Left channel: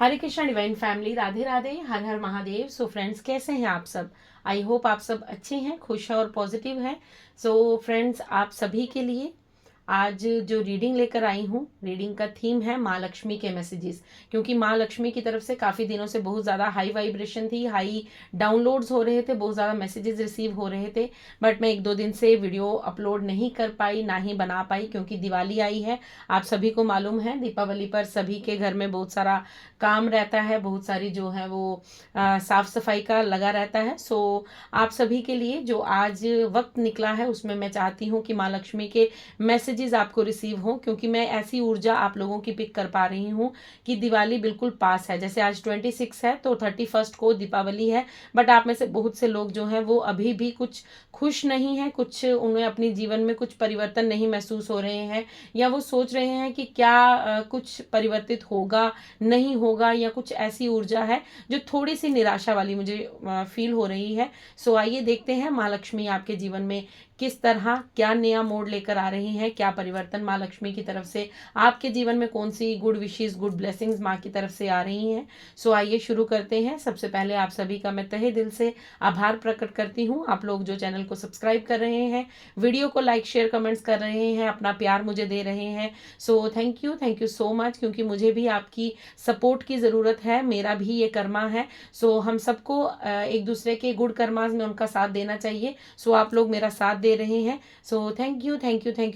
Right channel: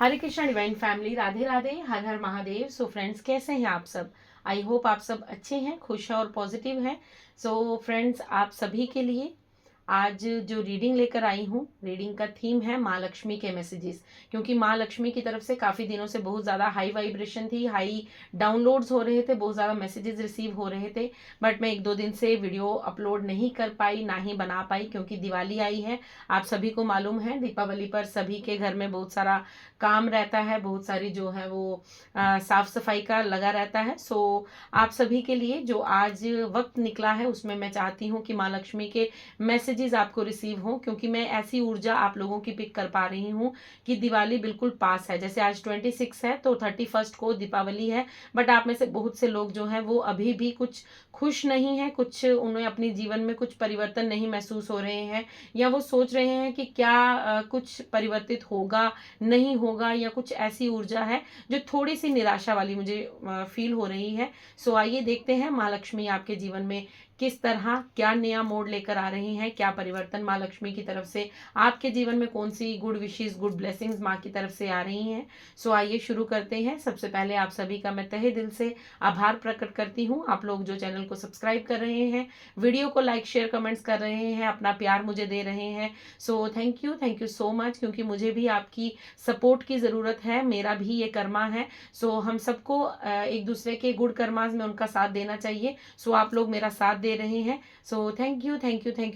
हरे Krishna divine family, Radhe Radhe, हर हर Mahadev. So friends, कैसे हैं आप सब? आई होप आप सब अच्छे हैं, खुश हैं और पॉजिटिव हैं। सो फ्रेंड्स, आप सभी के लिए आज जो रीडिंग लेकर आई हूँ, रीडिंग का थीम है माँ लक्ष्मी के मैसेजेस। क्योंकि माँ लक्ष्मी की तरफ से काफ़ी दिनों से बहुत ज़्यादा हाई वाइब्रेशन थी, हाई डाउनलोड्स हो रहे थे, बहुत ज़्यादा मैसेजेस रिसीव हो रहे थे। बट मैं एक दो दिन से वीडियो अपलोड नहीं कर पाई, ना ही बना पाई, क्योंकि दिवाली आई है। आप सभी को मालूम है, दीपावली पर सभी के घर में बहुत सारा काम रहता है, बहुत सारी जो है वो साफ सफाई का लगा रहता है। सो आप सभी के लिए जो आज वक्त निकला है, उसमें मैं चाहती हूँ कि माँ लक्ष्मी के मैसेजेस आपको रिसीव हों, क्योंकि मैं ऐसी ऊर्जा आप लोगों की पिक कर पा रही हूँ कि दिवाली बिल्कुल पास है। जैसे आज 26 है तो 31 को दीपावली है, बट आप में से बहुत से लोग जो हैं वो अभी भी कुछ खुश नहीं है, कुछ उन्हें अपने जीवन में कुछ परिवर्तन नहीं महसूस हो रहे हैं, या वो सोच रहे हैं कि क्या कुछ परिवर्तित होगा, नहीं होगा, या कुछ ऐसी ऊर्जा है जो थोड़ी सी निराशा वाली मुझे फील हो रही है। सो आइए देखते हैं माँ लक्ष्मी आपके जीवन में किस तरह क्या नया मोड़ लेकर आ रही हैं, क्या परिवर्तन माँ लक्ष्मी की तरफ से आपके जीवन में, कौन सी गुड विशेष, गुड ब्लेसिंग्स माँ की तरफ से आ रही हैं। सो आइए शुरू करते हैं। सबसे पहले आप सभी का मैं तहे दिल से आभार प्रकट करती हूँ। आप लोग जो चैनल को सब्सक्राइब कर रहे हैं, वीडियो को लाइक शेयर कमेंट्स कर रहे हैं, अपना प्यार मुझे दे रहे हैं। So thank you so much, क्योंकि मुझे भी आपकी सपोर्ट की ज़रूरत है, मेरा भी ये कर्मा है। सो हम सबको एक दूसरे के गुड कर्मास में उनका साथ देना चाहिए। सो आप लोग मेरा साथ दे रहे हैं। So thank you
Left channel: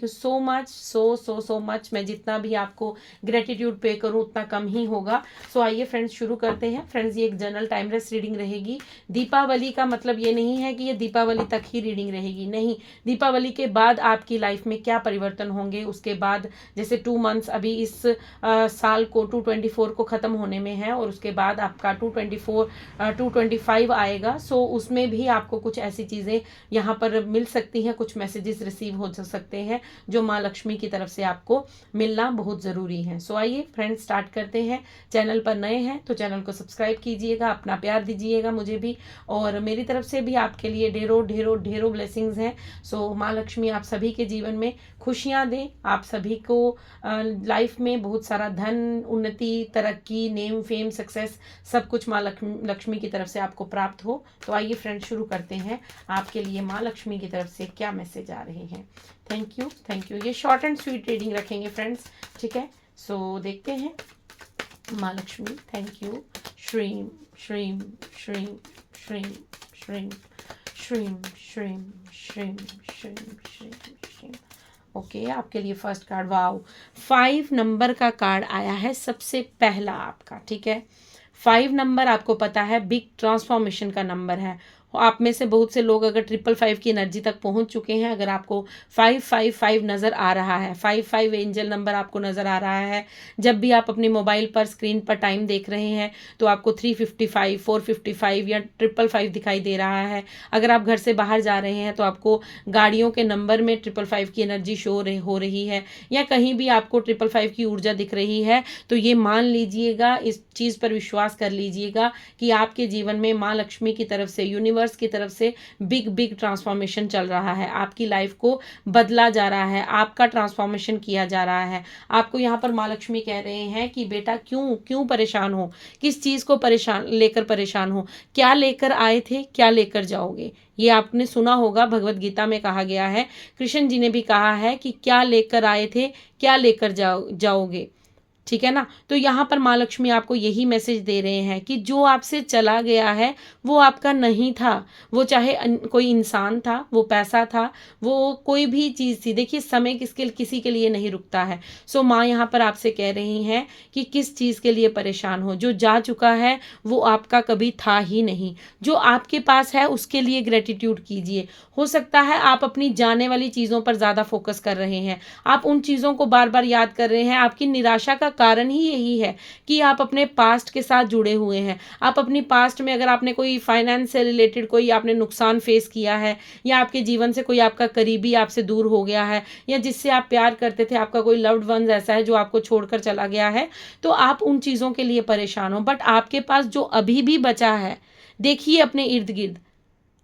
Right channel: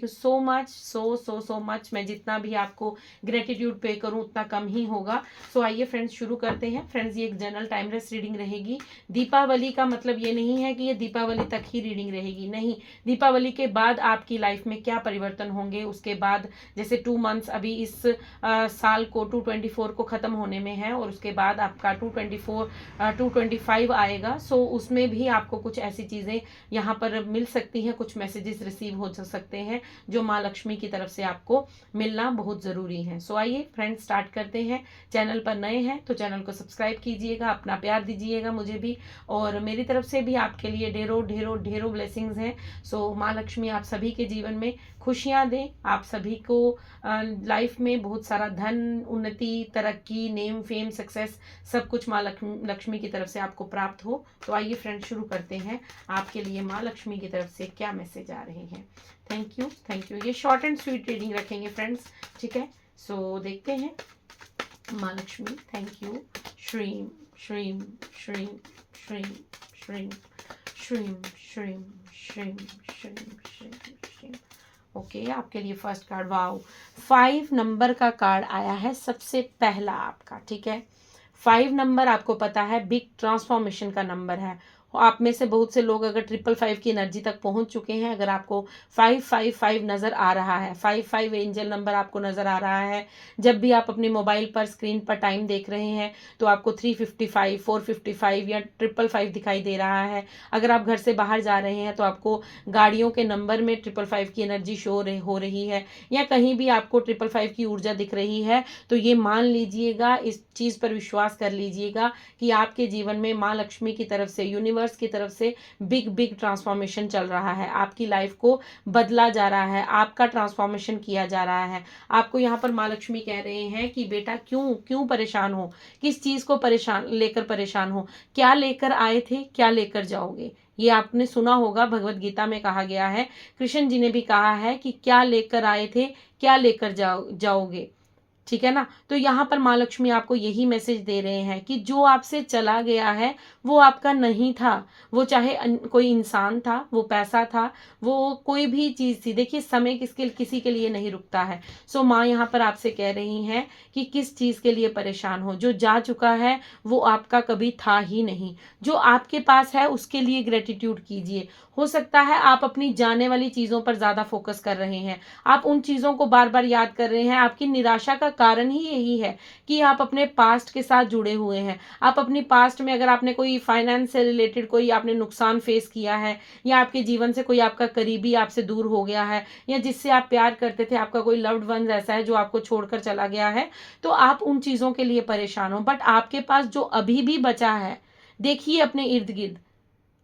so much, so much. मैं जितना भी आपको ग्रेटिट्यूड पे करूँ उतना कम ही होगा। सो आइए फ्रेंड्स शुरू करते हैं। फ्रेंड्स, ये एक जनरल टाइमलेस रीडिंग रहेगी। दीपावली का मतलब ये नहीं है कि ये दीपावली तक ही रीडिंग रहेगी, नहीं। दीपावली के बाद आपकी लाइफ में क्या परिवर्तन होंगे, उसके बाद जैसे 2 मंथ्स अभी इस साल को 224 को ख़त्म होने में है, और उसके बाद आपका 225 आएगा। सो उसमें भी आपको कुछ ऐसी चीज़ें यहाँ पर मिल सकती हैं, कुछ मैसेजेस रिसीव हो सकते हैं जो माँ लक्ष्मी की तरफ से आपको मिलना बहुत ज़रूरी है। सो आइए फ्रेंड्स स्टार्ट करते हैं। चैनल पर नए हैं तो चैनल को सब्सक्राइब कीजिएगा, अपना प्यार दीजिएगा मुझे भी, और मेरी तरफ से भी आपके लिए ढेरों ढेरों ढेरों ब्लेसिंग्स हैं। सो माँ लक्ष्मी आप सभी के जीवन में खुशियाँ दें, आप सभी को लाइफ में बहुत सारा धन, उन्नति, तरक्की, नेम, फेम, सक्सेस, सब कुछ माँ लक्ष्मी की तरफ से आपको प्राप्त हो। तो आइए फ्रेंड्स शुरू करते हैं। आपके लिए माँ लक्ष्मी की तरफ से क्या मैसेज आ रहे हैं। Thank you. ये शॉर्ट एंड स्वीट रीडिंग रखेंगे फ्रेंड्स, ठीक है। सो देखते हैं। माँ Lakshmi, thank you. Shreem Shreem Shreem Shreem Shreem Shreem Shreem Shreem Shreem Shreem Shreem. Okay, आपके लिए फर्स्ट कार्ड, वाओ, 5 नंबर का कार्ड आया है सबसे पहला आपका, ठीक है। 5 नंबर आपको पता है बिग ट्रांसफॉर्मेशन का नंबर है। आप में से बहुत से लोग अगर 555 की एनर्जी तक पहुंच चुके हैं, अगर आपको 555 नज़र आ रहा है, 55 एंजल नंबर आपको नज़र आ रहा है, जब भी आप अपने मोबाइल पर स्क्रीन पर टाइम देख रहे हैं तो आपको 355, 455 या 555 दिखाई दे रहा है। अगर आप घर से बाहर जा रहे हैं तो आपको गाड़ियों के नंबर में 555 की एनर्जी शो हो रही है, या कहीं भी आपको 555 की ऊर्जा दिख रही है, तो ये मान लीजिएगा, इस चीज़ पर विश्वास कर लीजिएगा कि आपके जीवन में माँ लक्ष्मी की तरफ से, यूनिवर्स की तरफ से बिग बिग ट्रांसफॉर्मेशन चल रहा है। आपकी लाइफ को बदला जा रहा है, आपका ट्रांसफॉर्मेशन किया जा रहा है। आपको यहाँ पर माँ लक्ष्मी कह रहे हैं कि बेटा क्यों क्यों परेशान हो, किस चीज़ को परेशान हो, क्या लेकर आए थे, क्या लेकर जाओगे। ये आपने सुना होगा, भगवत गीता में कहा गया है, कृष्ण जी ने भी कहा है कि क्या लेकर आए थे, क्या लेकर जाओगे, ठीक है ना। तो यहाँ पर माँ लक्ष्मी आपको यही मैसेज दे रहे हैं कि जो आपसे चला गया है वो आपका नहीं था। वो चाहे कोई इंसान था, वो पैसा था, वो कोई भी चीज़ थी। देखिए, समय किसी के लिए नहीं रुकता है। सो माँ यहाँ पर आपसे कह रही हैं कि किस चीज़ के लिए परेशान हो। जो जा चुका है वो आपका कभी था ही नहीं। जो आपके पास है उसके लिए ग्रेटिट्यूड कीजिए। हो सकता है आप अपनी जाने वाली चीज़ों पर ज़्यादा फोकस कर रहे हैं, आप उन चीज़ों को बार बार याद कर रहे हैं। आपकी निराशा का कारण ही यही है कि आप अपने पास्ट के साथ जुड़े हुए हैं। आप अपनी पास्ट में, अगर आपने कोई फाइनेंस से रिलेटेड कोई आपने नुकसान फेस किया है, या आपके जीवन से कोई आपका करीबी आपसे दूर हो गया है, या जिससे आप प्यार करते थे, आपका कोई लव्ड वन ऐसा है जो आपको छोड़कर चला गया है, तो आप उन चीज़ों के लिए परेशान हो। बट आपके पास जो अभी भी बचा है, देखिए अपने इर्द गिर्द,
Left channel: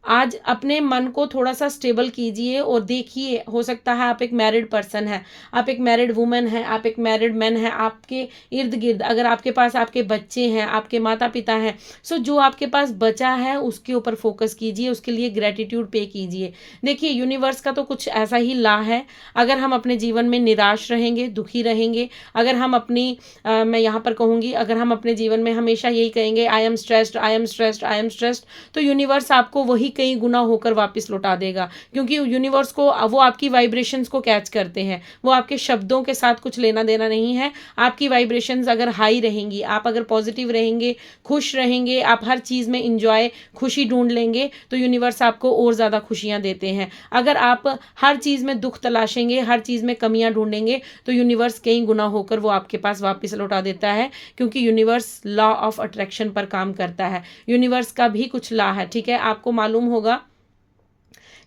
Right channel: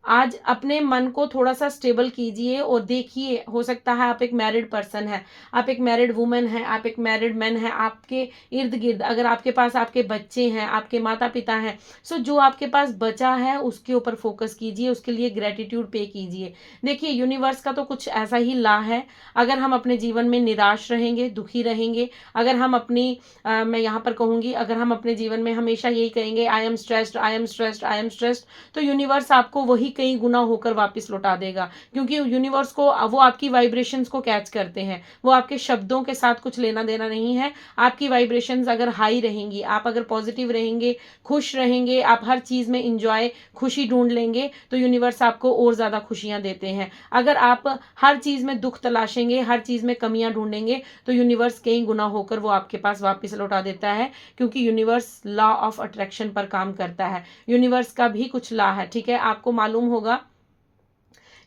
आज अपने मन को थोड़ा सा स्टेबल कीजिए और देखिए, हो सकता है आप एक मैरिड पर्सन है, आप एक मैरिड वुमन है, आप एक मैरिड मैन है, आपके इर्द गिर्द अगर आपके पास आपके बच्चे हैं, आपके माता पिता हैं, सो जो आपके पास बचा है उसके ऊपर फोकस कीजिए, उसके लिए ग्रेटिट्यूड पे कीजिए। देखिए, यूनिवर्स का तो कुछ ऐसा ही ला है, अगर हम अपने जीवन में निराश रहेंगे, दुखी रहेंगे, अगर हम मैं यहाँ पर कहूँगी, अगर हम अपने जीवन में हमेशा यही कहेंगे I am stressed, I am stressed, I am stressed, तो यूनिवर्स आपको वही कई गुना होकर वापस लौटा देगा, क्योंकि यूनिवर्स को वो आपकी वाइब्रेशंस को कैच करते हैं, वो आपके शब्दों के साथ कुछ लेना देना नहीं है। आपकी वाइब्रेशंस अगर हाई रहेंगी, आप अगर पॉजिटिव रहेंगे, खुश रहेंगे, आप हर चीज़ में इंजॉय, खुशी ढूंढ लेंगे, तो यूनिवर्स आपको और ज़्यादा खुशियाँ देते हैं। अगर आप हर चीज़ में दुख तलाशेंगे, हर चीज़ में कमियां ढूंढेंगे, तो यूनिवर्स कई गुना होकर वो आपके पास वापस लौटा देता है, क्योंकि यूनिवर्स लॉ ऑफ अट्रैक्शन पर काम करता है। यूनिवर्स का भी कुछ लॉ है, ठीक है। आपको मालूम होगा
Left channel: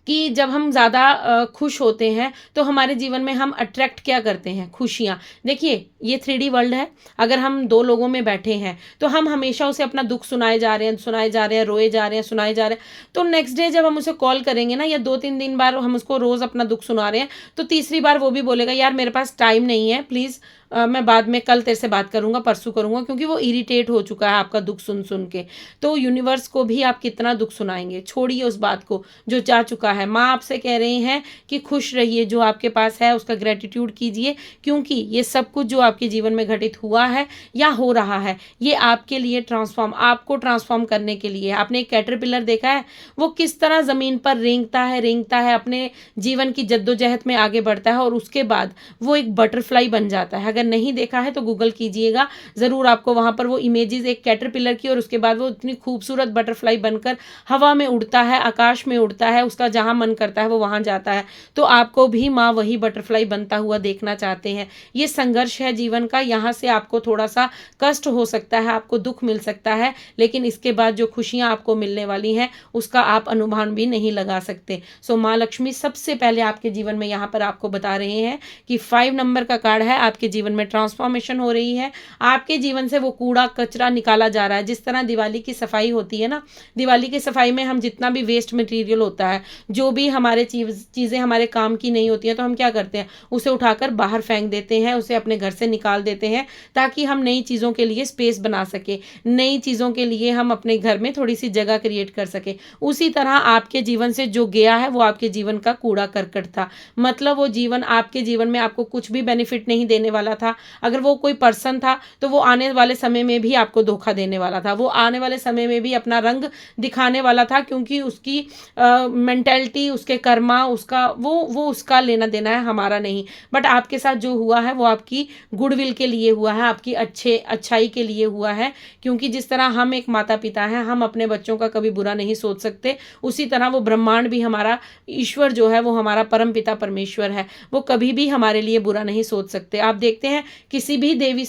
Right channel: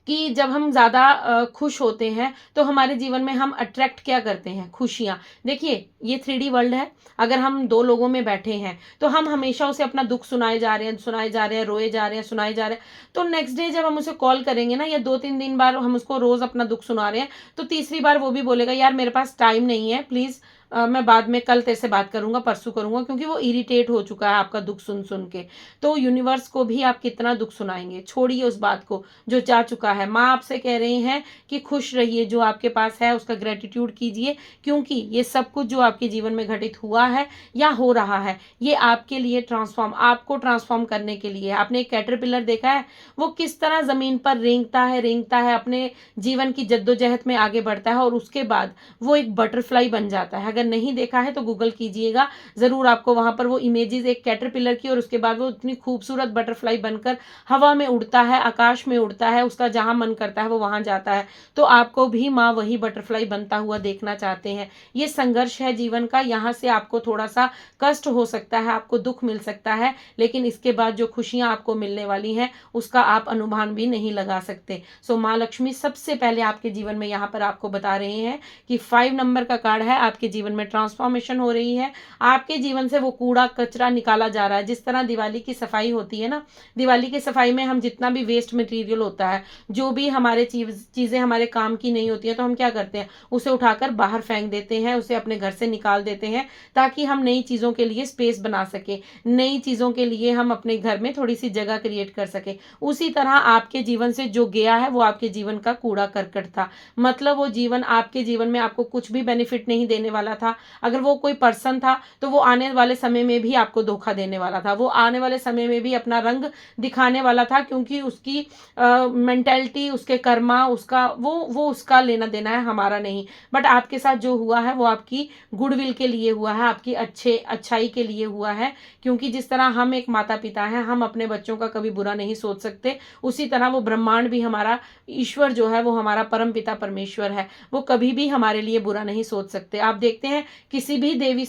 कि जब हम ज़्यादा खुश होते हैं तो हमारे जीवन में हम अट्रैक्ट क्या करते हैं, खुशियाँ। देखिए, ये 3D वर्ल्ड है, अगर हम दो लोगों में बैठे हैं तो हम हमेशा उसे अपना दुख सुनाए जा रहे हैं, सुनाए जा रहे हैं, रोए जा रहे हैं, सुनाए जा रहे हैं, तो नेक्स्ट डे जब हम उसे कॉल करेंगे ना, या 2-3 दिन बार हम उसको रोज़ अपना दुख सुना रहे हैं, तो तीसरी बार वो भी बोलेगा यार मेरे पास टाइम नहीं है, प्लीज़ मैं बाद में कल तेरे से बात करूंगा, परसों करूंगा, क्योंकि वो इरिटेट हो चुका है आपका दुख सुन सुन के। तो यूनिवर्स को भी आप कितना दुख सुनाएंगे, छोड़िए उस बात को जो जा चुका है। माँ आपसे कह रही हैं कि खुश रहिए, जो आपके पास है उसका ग्रेटिट्यूड कीजिए, क्योंकि ये सब कुछ जो आपके जीवन में घटित हुआ है या हो रहा है, ये आपके लिए आपको ट्रांसफॉर्म करने के लिए। आपने एक कैटरपिलर देखा है, वो किस तरह जमीन पर रेंगता है, अपने जीवन की जद्दोजहद में आगे बढ़ता है, और उसके बाद वो एक बटरफ्लाई बन जाता है। अगर नहीं देखा है तो गूगल कीजिएगा, जरूर आपको वहां पर वो इमेजेस एक कैटरपिलर की, और उसके बाद वो इतनी खूबसूरत बटरफ्लाई बनकर हवा में उड़ता है, आकाश में उड़ता है, उसका जहां मन करता है वो वहां जाता है। तो आपको भी माँ वही बटरफ्लाई बनता हुआ देखना चाहते हैं। ये संघर्ष है जीवन का, यहाँ से आपको थोड़ा सा कष्ट हो सकता है, आपको दुख मिल सकता है, लेकिन इसके बाद जो खुशियां आपको मिलने वाली हैं उसका आप अनुमान भी नहीं लगा सकते। सो माँ लक्ष्मी सबसे पहले आपके जीवन में यहाँ पर आपको बता रहे हैं कि 5 नंबर का कार्ड है, आपके जीवन में ट्रांसफॉर्मेशन हो रही है, आपके जीवन से वो कूड़ा कचरा निकाला जा रहा है। जिस तरह दिवाली की सफाई होती है ना, दिवाली की सफाई में हम जितना भी वेस्ट मटेरियल होता है, जो भी हमारे चीज़ें हमारे काम की नहीं होती है, तो हम क्या करते हैं, उसे उठाकर बाहर फेंक देते हैं, उसे अपने घर से निकाल देते हैं, ताकि हम नई चीज़ों के लिए स्पेस बना सके, नई चीज़ों के लिए हम अपने घर में थोड़ी सी जगह क्रिएट कर सके। उसी तरह आपके जीवन से जो गया है वो आपके जीवन का कूड़ा करकट था, मतलब वो जीवन आपके जीवन में आपको कुछ भी बेनिफिट नहीं देने वाला था। अगर वो कोई पर्सन था तो वो आने वाले समय में भी आपको धोखा देने वाला था, वो आने वाले समय में भी अपना रंग दिखाने वाला था, क्योंकि उसकी मेंटेलिटी, उसके कर्मा, उसका वो उसका लेना देना है, हमारा नहीं। बट आपके साथ जो हुआ है वो आपकी गुडविल के लिए हुआ है, आपकी अच्छाई के लिए हुआ है, क्योंकि जिस तरह हम एक माता पिता हैं, हम अपने बच्चों का कभी बुरा नहीं सोच सकते, उसी तरह वो ब्रह्मांड भी हमारा ईश्वर जो है, वो हमारा परम पिता परमेश्वर है, वो कभी भी हमारे लिए बुरा नहीं सोच सकते। आप देखते हैं किसी भी देवी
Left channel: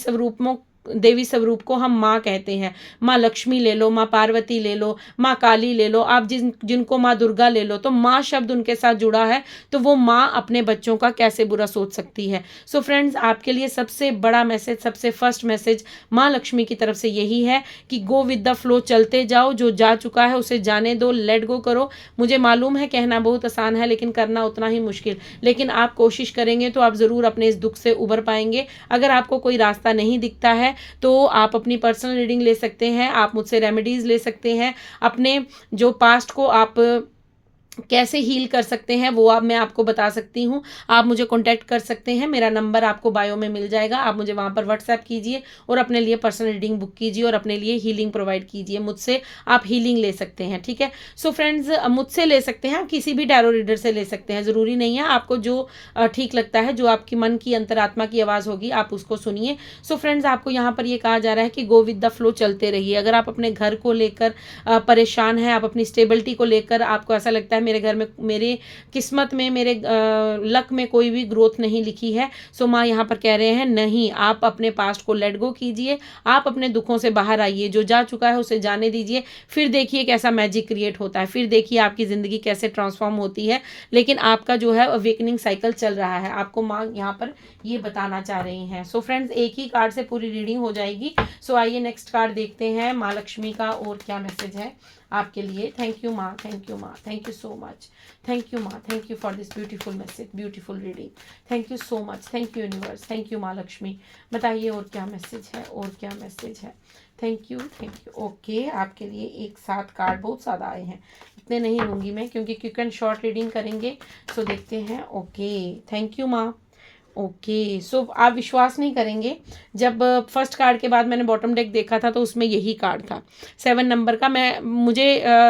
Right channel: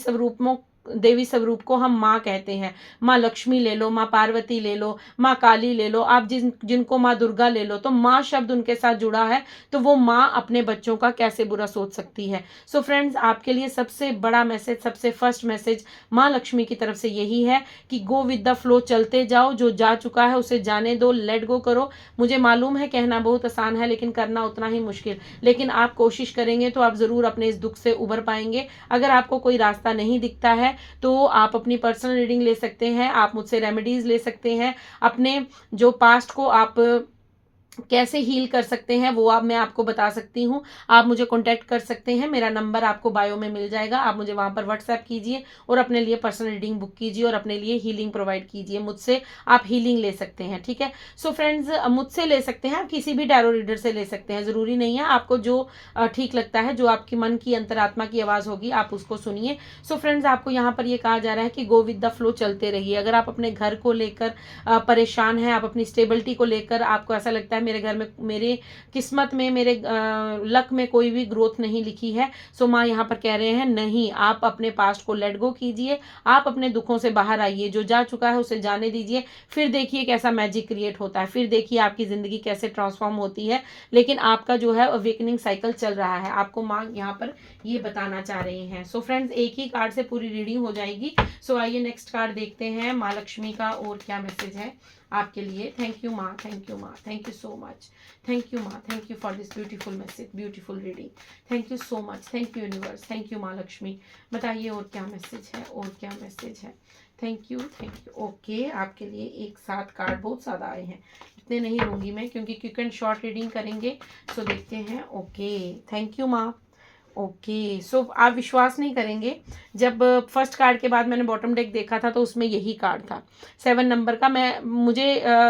स्वरूप को हम माँ कहते हैं। माँ लक्ष्मी ले लो, माँ पार्वती ले लो, माँ काली ले लो, आप जिनको माँ दुर्गा ले लो, तो माँ शब्द उनके साथ जुड़ा है, तो वो माँ अपने बच्चों का कैसे बुरा सोच सकती है। सो फ्रेंड्स, आपके लिए सबसे बड़ा मैसेज, सबसे फर्स्ट मैसेज माँ लक्ष्मी की तरफ से यही है कि गो विद द फ्लो, चलते जाओ, जो जा चुका है उसे जाने दो, लेट गो करो। मुझे मालूम है कहना बहुत आसान है, लेकिन करना उतना ही मुश्किल, लेकिन आप कोशिश करेंगे तो आप ज़रूर अपने इस दुख से उबर पाएंगे। अगर आपको कोई रास्ता नहीं दिखता है तो आप अपनी पर्सनल रीडिंग ले सकते हैं, आप मुझसे रेमेडीज ले सकते हैं, अपने जो पास्ट को आप कैसे हील कर सकते हैं वो मैं आपको बता सकती हूँ। आप मुझे कांटेक्ट कर सकते हैं, मेरा नंबर आपको बायो में मिल जाएगा, आप मुझे वहाँ पर व्हाट्सएप कीजिए और अपने लिए पर्सनल रीडिंग बुक कीजिए और अपने लिए हीलिंग प्रोवाइड कीजिए, मुझसे आप हीलिंग ले सकते हैं, ठीक है। सो फ्रेंड्स, मुझसे ले सकते हैं, आप किसी भी टैरो रीडर से ले सकते हैं, ज़रूरी नहीं है, आपको जो ठीक लगता है, जो आपकी मन की अंतरात्मा की आवाज़ होगी आप उसको सुनिए। सो फ्रेंड्स, आपको यहाँ पर ये कहा जा रहा है कि गो विद द फ्लो, चलते रहिए। अगर आप अपने घर को लेकर परेशान हैं, आप अपनी स्टेबिलिटी को लेकर आपको ऐसा लगता है मेरे घर में, मेरे किस्मत में, मेरे लक में कोई भी ग्रोथ नहीं लिखी है, सो माँ यहाँ पर कह रहे हैं नहीं, आप अपने पास्ट को लेट गो कीजिए, आप अपने दुखों से बाहर आइए, जो जा चुका है उसे जाने दीजिए, फिर देखिए कैसा मैजिक क्रिएट होता है, फिर देखिए आपकी ज़िंदगी कैसे ट्रांसफॉर्म होती है। लेकिन आपका जो है अवेकनिंग साइकिल चल रहा है, आपको माँ यहाँ पर ये बताना चाह रही हैं। सो फ्रेंड्स, एक ही कार्ड से पूरी रीडिंग हो जाएगी। सो आइए नेक्स्ट कार्ड देखते हैं माँ लक्ष्मी का और क्या मैसेज है आपके लिए। थैंक यू माँ, थैंक यू माँ, thank you so much, thank you माँ, thank you for this beautiful message, beautiful reading. Thank you so much, thank you universe, thank you माँ लक्ष्मी। बताइए और क्या मैसेज है, और क्या मैसेज है। Thank you, thank you. Okay, आपके लिए एक साथ कार्ड बहुत ज़्यादा आए हैं, इतने नहीं लूँगी मैं क्योंकि क्विक एंड शॉर्ट रीडिंग करेंगे। सो देखते हैं। ओके, थैंक यू माँ। ओके, सो आप विश्वास नहीं करेंगे, जब फर्स्ट कार्ड के बाद मैंने बॉटम डेक देखा था तो उसमें यही कार्ड था 7 नंबर का। मुझे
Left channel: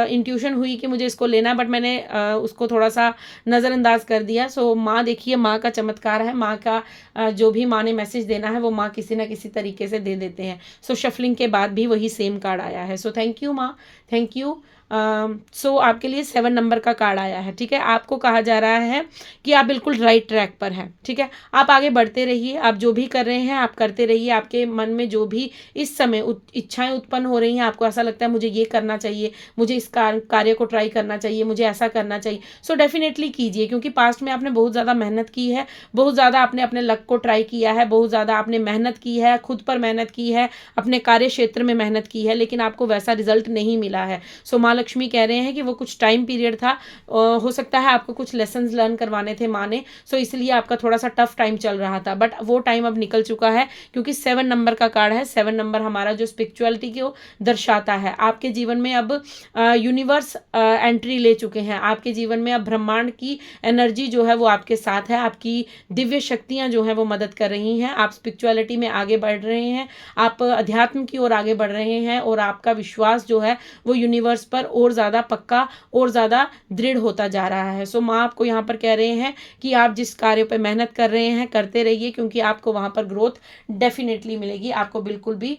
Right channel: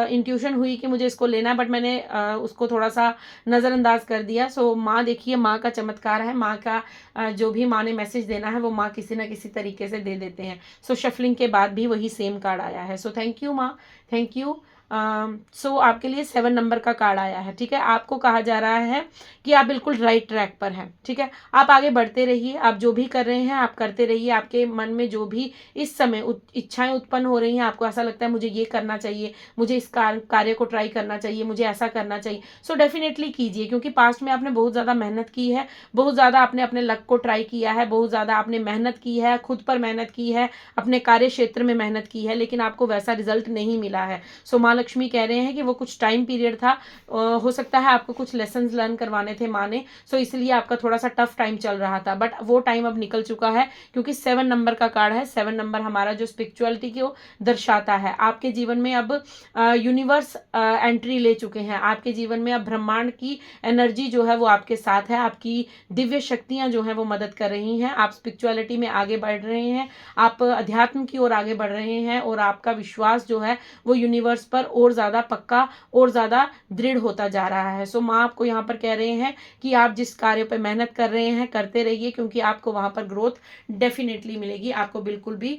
इंट्यूशन हुई कि मुझे इसको लेना है, बट मैंने उसको थोड़ा सा नज़रअंदाज कर दिया। सो माँ देखिए, माँ का चमत्कार है, माँ का जो भी माँ ने मैसेज देना है वो माँ किसी ना किसी तरीके से दे देते हैं। सो शफलिंग के बाद भी वही सेम कार्ड आया है। सो थैंक यू माँ, थैंक यू। सो आपके लिए 7 नंबर का कार्ड आया है। ठीक है, आपको कहा जा रहा है कि आप बिल्कुल राइट ट्रैक पर हैं। ठीक है, आप आगे बढ़ते रहिए, आप जो भी कर रहे हैं आप करते रहिए। आपके मन में जो भी इस समय इच्छाएं उत्पन्न हो रही हैं, आपको ऐसा लगता है मुझे ये करना चाहिए, मुझे इस कार्य को ट्राई करना चाहिए, मुझे ऐसा करना चाहिए, सो डेफिनेटली कीजिए। क्योंकि पास्ट में आपने बहुत ज़्यादा मेहनत की है, बहुत ज़्यादा आपने अपने लक को ट्राई किया है, बहुत ज़्यादा आपने मेहनत की है, खुद पर मेहनत की है, अपने कार्य क्षेत्र में मेहनत की है, लेकिन आपको वैसा रिजल्ट नहीं मिला है। सो माँ लक्ष्मी कह रहे हैं कि वो कुछ टाइम पीरियड था, हो सकता है आपको कुछ लेसन्स लर्न करवाने थे माँ ने, सो इसलिए आपका थोड़ा सा टफ टाइम चल रहा था, बट वो टाइम अब निकल चुका है। क्योंकि 7 नंबर का कार्ड है, 7 नंबर हमारा जो स्पिरिचुअलिटी को दर्शाता है। आपके जीवन में अब यूनिवर्स एंट्री ले चुके हैं, आपके जीवन में अब ब्रह्मांड की एनर्जी जो है वो आपके साथ है, आपकी दिव्य शक्तियां जो है वो मदद कर रही हैं, आप स्पिरिचुअलिटी में आगे बढ़ रहे हैं, आप अध्यात्म की ओर आगे बढ़ रहे हैं, और आपका विश्वास जो है वो यूनिवर्स पर और ज़्यादा पक्का और ज़्यादा दृढ़ होता जा रहा है। सो माँ आपको यहाँ पर कह रहे हैं कि आप जिस कार्य पर मेहनत कर रहे हैं करते रहिए, क्योंकि आपको वहाँ पर ग्रोथ डेफिनेटली मिलेगी, आपको बिल्कुल भी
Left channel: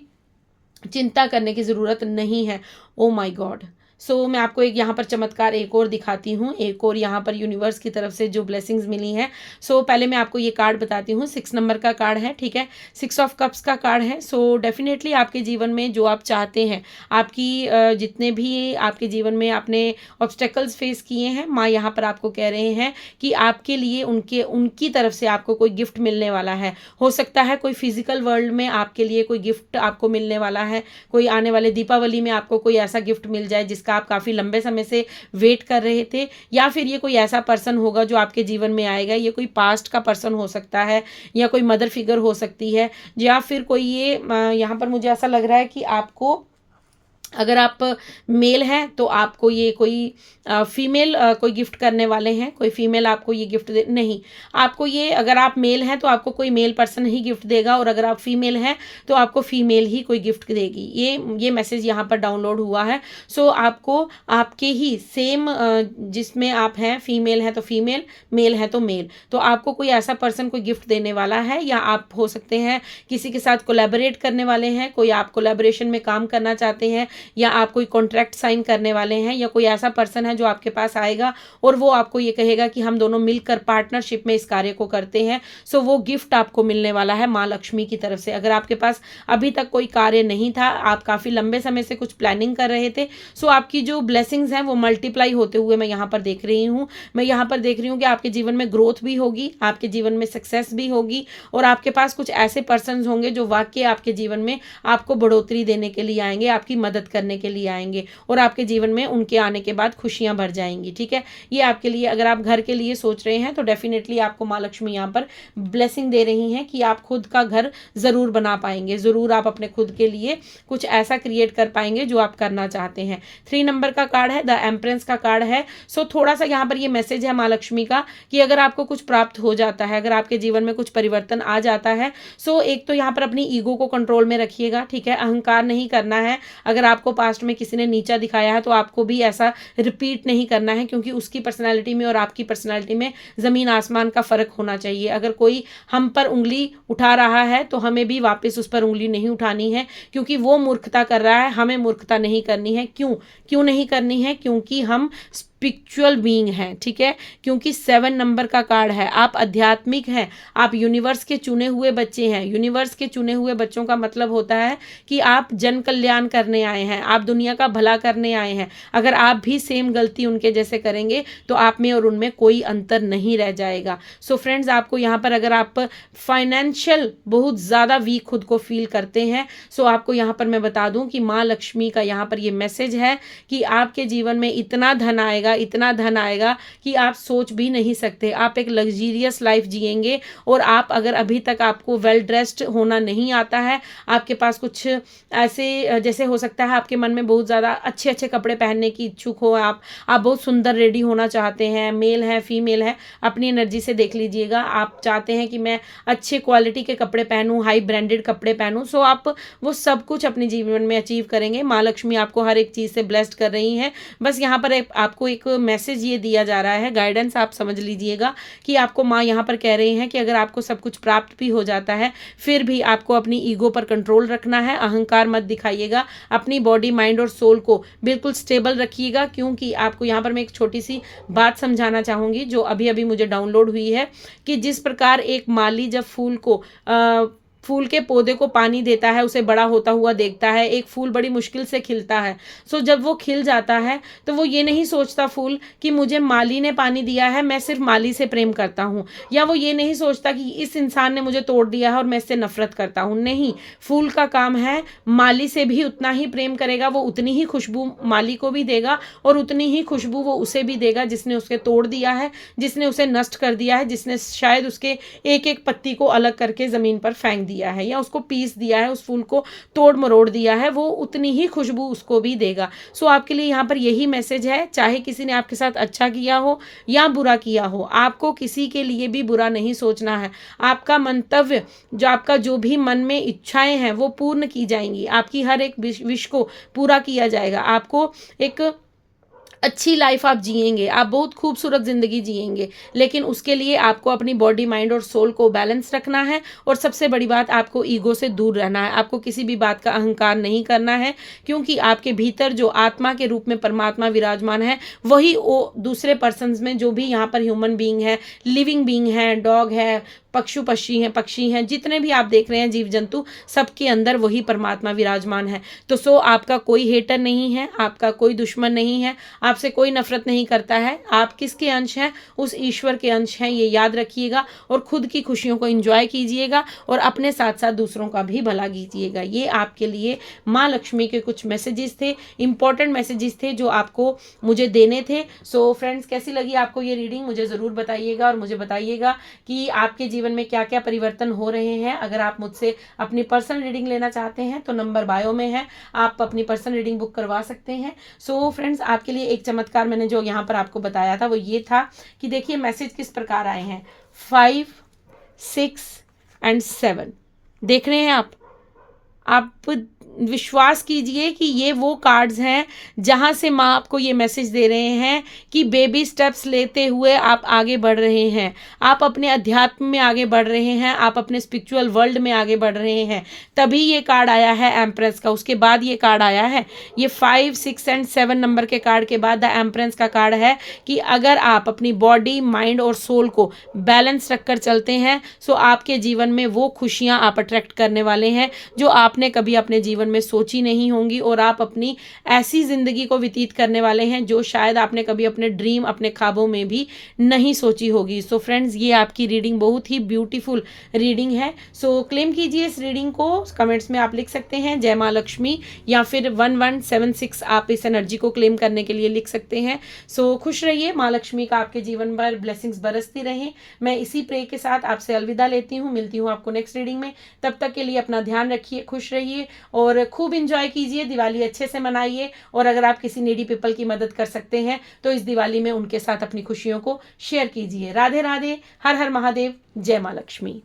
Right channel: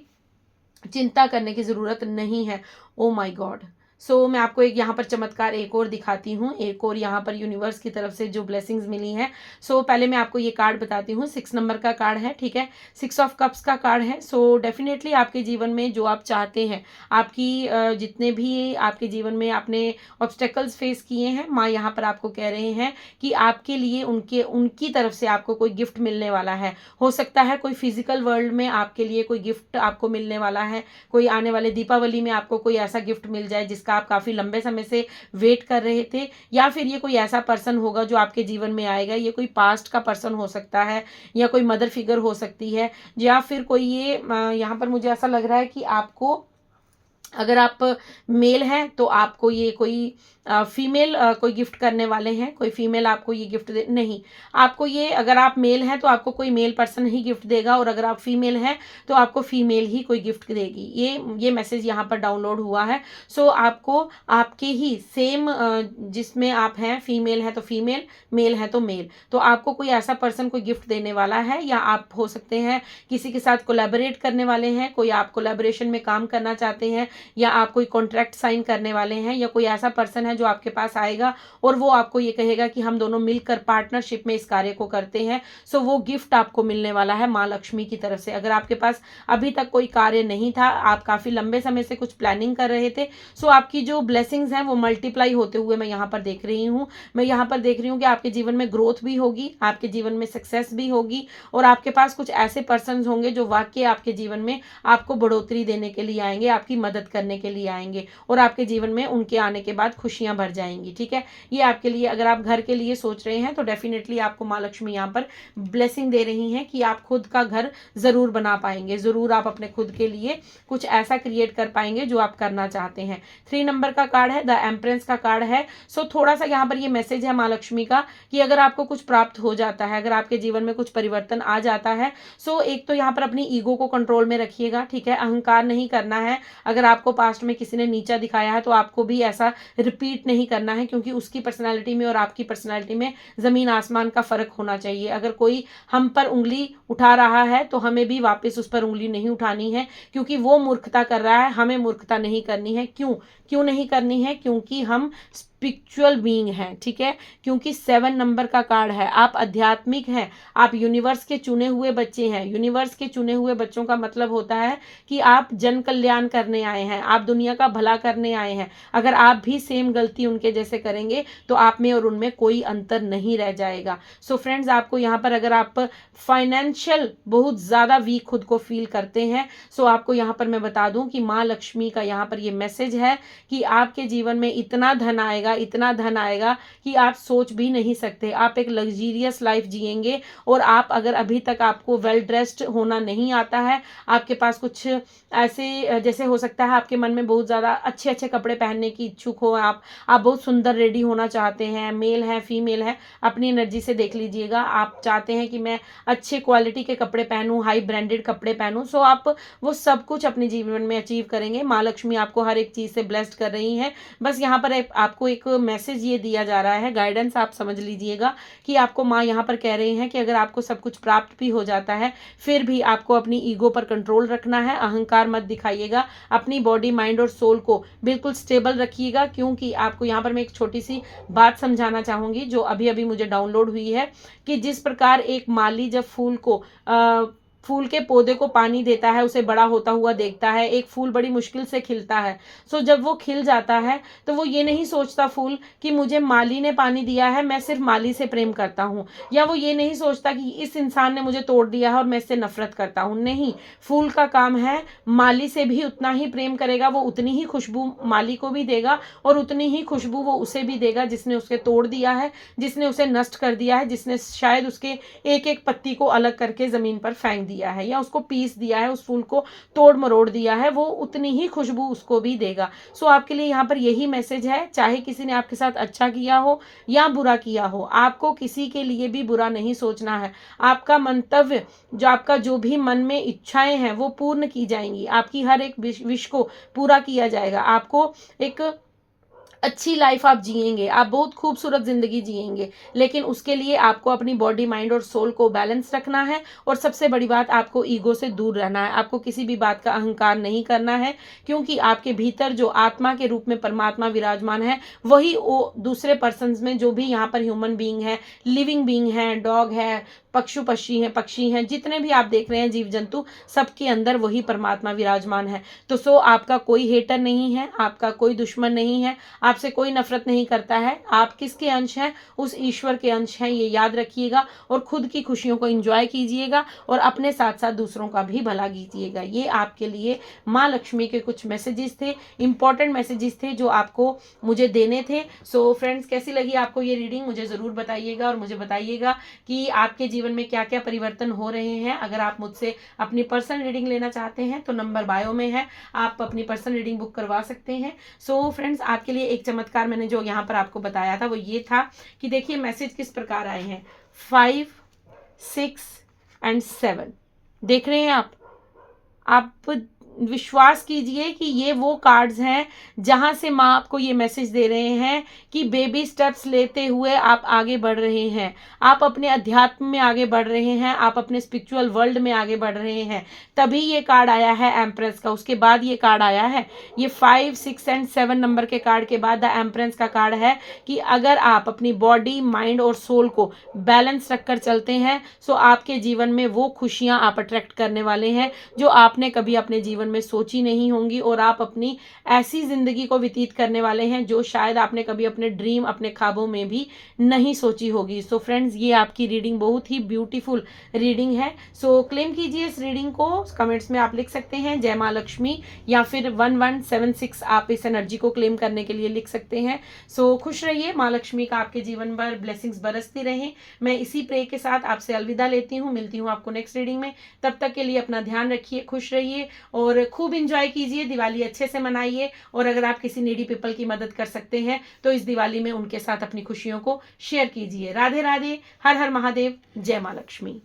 चिंता करने की ज़रूरत नहीं है। Oh my God. सो मैं आपको एक यहाँ पर चमत्कार एक और दिखाती हूँ, एक और यहाँ पर यूनिवर्स की तरफ से जो ब्लेसिंग्स मिली हैं। सो पहले मैं आपको ये कार्ड बताती हूँ, 6 नंबर का कार्ड है। ठीक है, 6 ऑफ कप्स का कार्ड है। सो डेफिनेटली आपके जीवन में जो आप चाहते हैं, आपकी जितने भी आपके जीवन में आपने ऑब्स्टेकल्स फेस किए हैं, माँ यहाँ पर आपको कह रहे हैं कि आपके लिए उनकी तरफ से आपको कोई गिफ्ट मिलने वाला है। हो सकता है कोई फिजिकल वर्ल्ड में आपके लिए कोई गिफ्ट आपको मिलने वाला है, कोई आने वाले दीपावली में आपको कोई ऐसा गिफ्ट मिल जाए जिसका आप काफ़ी लंबे समय से वेट कर रहे थे, या फिर ये कोई ऐसा पर्सन होगा जो आपके जीवन में आएगा। ये कोई पास्ट का पर्सन हो सकता है, या कोई मदर फिगर हो सकती है, या फिर कोई ये यहाँ पर मुझे ऐसा लग रहा है कि आपको, अगर आप मेल हैं तो आपको ये कोई फीमेल कोई गिफ्ट करने वाले हैं, कोई फीमेल आपको ये गिफ्ट दे, नहीं, आपको ये, अगर आप मेल हैं तो आपको कोई मेल पर्सन ही गिफ्ट देगा, और अगर आप फीमेल हैं तो आपको फीमेल ही कोई गिफ्ट देगी। ये मैसेज यहाँ पर डाउनलोड हुआ है। सो आपको आपके ही सेम, जिसमें आप हैं, फीमेल हैं तो फीमेल, मेल है तो मेल, तो आपको कोई ऐसा पर्सन कोई गिफ्ट देने वाला है, या आप हो सकते हैं किसी के साथ कोलैबोरेट करने वाले हैं, कोई आप कोलैबोरेशन में काम करना चाहते हैं, या आप कोई कॉन्ट्रैक्ट साइन करने वाले हैं, या कोई ऐसा पर्सन है जो आपके पास आएगा और वो आपको ये कहेगा कि हम दोनों मिलकर पार्टनरशिप में इस कार्य को करते हैं। सो वो गिफ्ट आपको मिलने वाला है माँ लक्ष्मी की तरफ से। अगर आपके पास अभी तक कोई कार्य नहीं था, आप काफ़ी लंबे समय से कुछ प्लानिंग कर रहे थे, सो आपकी जो ब्लेसिंग्स हैं वो मल्टीप्लाई होते हुए मैं यहाँ पर देख रही हूँ। मैं यहाँ पर देख रही हूँ कि आपके जीवन में ग्रोथ भी होगी, आपके जीवन में सक्सेस भी होगी, और आपके पास कुछ ऐसे पर्सन होंगे जो वाकई आपके जीवन में आपको बढ़ोतरी देने के लिए आएंगे, आपकी मदद करने के लिए आएंगे, और आपके जीवन में उनके आने के बाद खुशियां भर जाएंगी। ठीक है, ये आपके लिए, अगर आप घर के लिए सोच रहे हैं तो डेफिनेटली आपको माँ लक्ष्मी यहाँ पर ब्लेसिंग दे रही हैं कि आप खुद का घर जरूर बना पाएंगे, जरूर आप अपने खुद के लिए कुछ ऐसा क्रिएट कर पाएंगे जो आप करना चाहते हैं। 3 नंबर का कार्ड है, द एम्प्रेस का कार्ड है। सो थोड़ा सा यहाँ पर ये मैसेज है माँ लक्ष्मी का कि अगर आपको कुछ प्राप्त हो जाता है, अगर आपके जीवन में कुछ परिवर्तन आ जाता है, सो एक तो यहाँ पर अपनी ईगो को कंट्रोल में रखिएगा। ठीक है, अहंकार नहीं करना है। अगर आपको पास्ट में किसी ने नीचा दिखाया है तो आपको भी ऐसा रिपीट नहीं करना है, क्योंकि उसकी पर्सनैलिटी में और आपकी पर्सनैलिटी में ज़मीन आसमान का फ़र्क होना चाहिए। अगर कोई हम पर उंगली उठा रहा है तो हमें भी वापस उस पर उंगली नहीं उठानी है, क्योंकि वो मूर्खता कर रहा है, हमें मूर्खता नहीं करनी है। क्यों नहीं करनी है? क्योंकि हम स्पिरिचुअल बीइंग हैं, ठीक है, क्योंकि 7 नंबर का कार्ड है। आप आध्यात्मिक हैं, आप यूनिवर्स के चुने हुए बच्चे हैं। यूनिवर्स के चुने हुए बच्चों का मतलब होता है कि आप जन कल्याण करने आए हैं, आप दुनिया का भला करने आए हैं। अगर आप भी सेम गलती उनके जैसे करेंगे तो आप में और उनमें कोई अंतर नहीं रह जाएगा। सो फ्रेंड्स, आपको यहाँ पर अगर आप फाइनेंशियल बहुत ज़्यादा वीक खुद को फील करते हैं, सो आपको यहाँ पर मैं बता दूं कि माँ लक्ष्मी का यहाँ पर ये मैसेज है कि आपके जीवन में इतना धन आएगा, इतना धन आएगा कि आप सोच भी नहीं सकते। आप एक लग्जीरियस लाइफ जिएंगे। और आप अगर अभी तक आपको वेल ड्रेस्ड होना नहीं आता है, आपके पास कुछ ऐसे जैसे हो सकता है आपके मन में बहुत ज़्यादा अच्छे अच्छे कपड़े पहनने की इच्छुक हो, आप बहुत सुंदर रेडी होना चाहते हैं, मेल है फीमेल है, अपनी एनर्जी से देख लीजिएगा। आप चाहते हैं कि मैं अच्छे क्वालिटी के कपड़े पहनूं, हाई ब्रांडेड कपड़े पहनूं, सो आप वो सब कुछ अपने जीवन में अचीव करेंगे। माँ लक्ष्मी आपको हर एक चीज़ से ब्लेस्ड कर रही हैं। बस यहाँ पर आपको एक मैसेज ये दिया जा रहा है, गाइडेंस आप समझ लीजिएगा कि आपको माँ यहाँ पर कह रही हैं कि अगर आपको सब कुछ प्राप्त भी हो जाता है, फिर भी आपको अपनी ईगो पर कंट्रोल रखना है, अहंकार मत दिखाइएगा, अपनी बॉडी माइंड और सोल को बिल्कुल स्टेबल रखिएगा। क्योंकि आपको यहाँ पर मैं एक छोटी सी बात समझाना चाहूँगी जो अभी अभी मुझे डाउनलोड हुई है, कि जिस प्रकार एक माली जब फूल के पौधे को पानी देता है, उसे बड़ा होता हुआ देखता है। एक फूल बड़ी मुश्किल से खिलता है, सो जब वो खिल जाता है तो वो ये नहीं सोचता फूल कि मुझे माली ने पानी दिया है, मैं सिर्फ माली से प्रेम करता हूँ, या वो ये नहीं सोचता कि इस इंसान ने मुझे तोड़ दिया है और मैं इससे नफरत करता हूँ। नहीं, फूल का काम है माली से भी उतना ही प्रेम करेगा, वो उतनी ही खुशबू माली को भी देगा और उतनी ही खुशबू वो उसे भी देगा जिसने उसे तोड़ दिया है, जिसने उसे नष्ट कर दिया है, जिसने शायद उसके एक एक पत्ती को अलग करके जमीन पर फेंक दिया है या उसको पीस दिया है, उस फूल को तोड़ मरोड़ दिया है, वो उतनी ही खुशबू उसको भी देगा। सो आपके लिए यहाँ पर यही मैसेज है, चाहे किसी ने आपके साथ अच्छा किया हो या बुरा किया हो, आपको किसी के लिए भी बुरा नहीं सोचना है। आपका मंतव्य, जो आपका जो भी मन में इच्छाएं हैं वो पूर्ण की जाएंगी, आपकी हर एक विश को पूरा किया जाएगा। आपको एक अच्छी लाइफ आप जिएंगे, आप बहुत खूबसूरत जिंदगी जिएंगे, लेकिन उसके लिए आपको अपनी बॉडी माइंड और सोल को बैलेंस रखना है। और सबसे बड़ी बात, आपको ईगो से दूर रहना है, आपको किसी भी बात का अहंकार नहीं करना है, क्योंकि आपके भीतर जो आत्मा के रूप में परमात्मा विराजमान है, वही वो दूसरे पर्सन्स में जो भी यहाँ पर ह्यूमन बीइंग है, लिविंग बीइंग है, डॉग है, पक्षी हैं, जितने भी आप देख रहे हैं जीव जंतु, सबके अंदर वही परमात्मा विराजमान है। तो सो आपका कोई हेटर नहीं है, आपका कोई दुश्मन नहीं है, आपसे कोई नफरत नहीं करता है। आप किसके अंश हैं? उस ईश्वर के अंश हैं, ये याद रखिएगा। और खुद की खुशियों को एंजॉय कीजिएगा और अपने साथ साथ दूसरों का भी भला कीजिएगा। ये आपके लिए माँ लक्ष्मी के कुछ मैसेजेस थे, इंपॉर्टेंट मैसेजेस थे जो आपको मुझे देने थे। सो फ्रेंड्स, कैसी लगी आपको ये रीडिंग मुझे ज़रूर बताइएगा और मुझे बताइएगा कि आपके जीवन में क्या क्या परिवर्तन हो रहे हैं। अगर आप मुझसे अपनी पर्सनल रीडिंग लेना चाहते हैं तो नंबर बायो में है, आप अपनी पर्सनल रीडिंग बुक करवा सकते हैं। सो फ्रेंड्स, आपके लिए एक चमत्कार मैंने जो यहाँ पर आपको बताया था वो ये था कि देखिए मैसेज किस प्रकार आए हैं। 5, 6 एंड 7 देख रहे हैं आप विश्वास कीजिए कि ये वो कार्ड्स हैं जहां से माँ आपको ये मैसेज दे रहे हैं कि बेबी स्टेप्स लेते हुए आप आगे बढ़ रहे हैं, आप अपने अध्यात्म में आगे बढ़ रहे हैं, आप अपने स्पिरिचुअल वर्ल्ड में आगे बढ़ रहे हैं। तभी ये कार्ड आया है एम्प्रेस का, उसके बाद ये कार्ड आया है। ये 5, 6 एंड 7 नंबर के कार्ड के बाद द एम्प्रेस का कार्ड है कि अगर आप अपनी बॉडी माइंड और सोल को बैलेंस रखकर चलते हैं सो आपके जीवन में वो खुशियां आप अट्रैक्ट करने वाले हैं जो आपने कभी अपने जीवन में सोची नहीं होंगी। और आप अपनी ऐसी जिंदगी को व्यतीत करने वाले हैं जो शायद आपने कभी अपने ड्रीम, अपने ख्वाबों में भी नहीं सोची होगी। सो फ्रेंड्स, ये आपकी रीडिंग बहुत ही ब्यूटीफुल रीडिंग है। सो क्लेम कीजिए इस रीडिंग को, कमेंट्स में आप लिख सकते हैं जय माँ लक्ष्मी या फिर 1176 आप इस एनर्जी को क्लेम करने के लिए लिख सकते हैं। सो खुश रहिए, माँ लक्ष्मी का आपके जीवन पर ब्लेसिंग्स बरसती रहें। मैं इसी प्रे के साथ आपसे अलविदा लेती हूँ, मिलती हूँ आपको नेक्स्ट रीडिंग में। तब तक के लिए अपना ध्यान रखिए, खुश रहिए और खूब इंजॉय कीजिए, दिवाली अच्छे से मनाइए। और अगर आप किसी नीडी पीपल की मदद कर सकते हैं तो इस दिवाली में उनके साथ अपनी खुशियों को शेयर कीजिए। राधे राधे, हर हर महादेव, जय माँ लक्ष्मी।